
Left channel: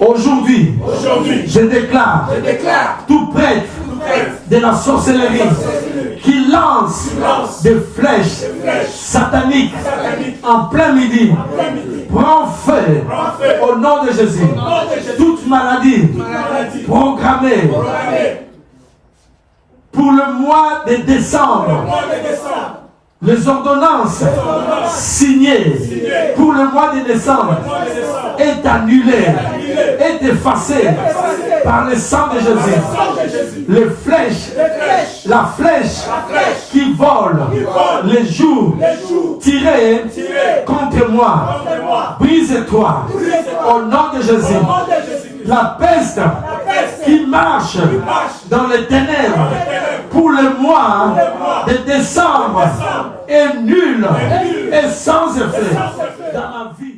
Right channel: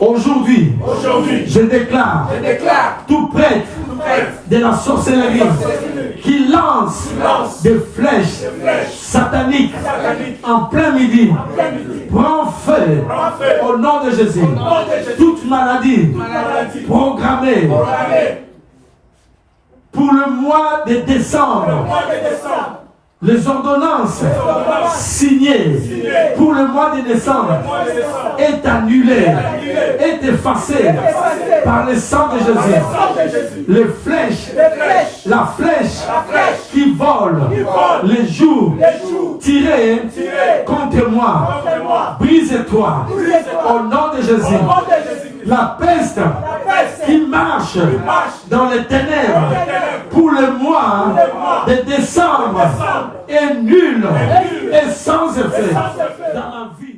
Aujourd'hui, je déclare tout prêtre de la sorcellerie qui lance des flèches sataniques en plein midi, prend feu au nom de Jésus. Toute maladie programmée pour le mois de décembre, les ordonnances signées pour le mois de décembre est annulée, est effacée par le sang de Jésus. Les flèches, la flèche qui vole les jours tirés contre moi, brise-toi au nom de Jésus. La peste qui marche dans les ténèbres pour le mois de décembre est nulle et sans effet dans ma vie.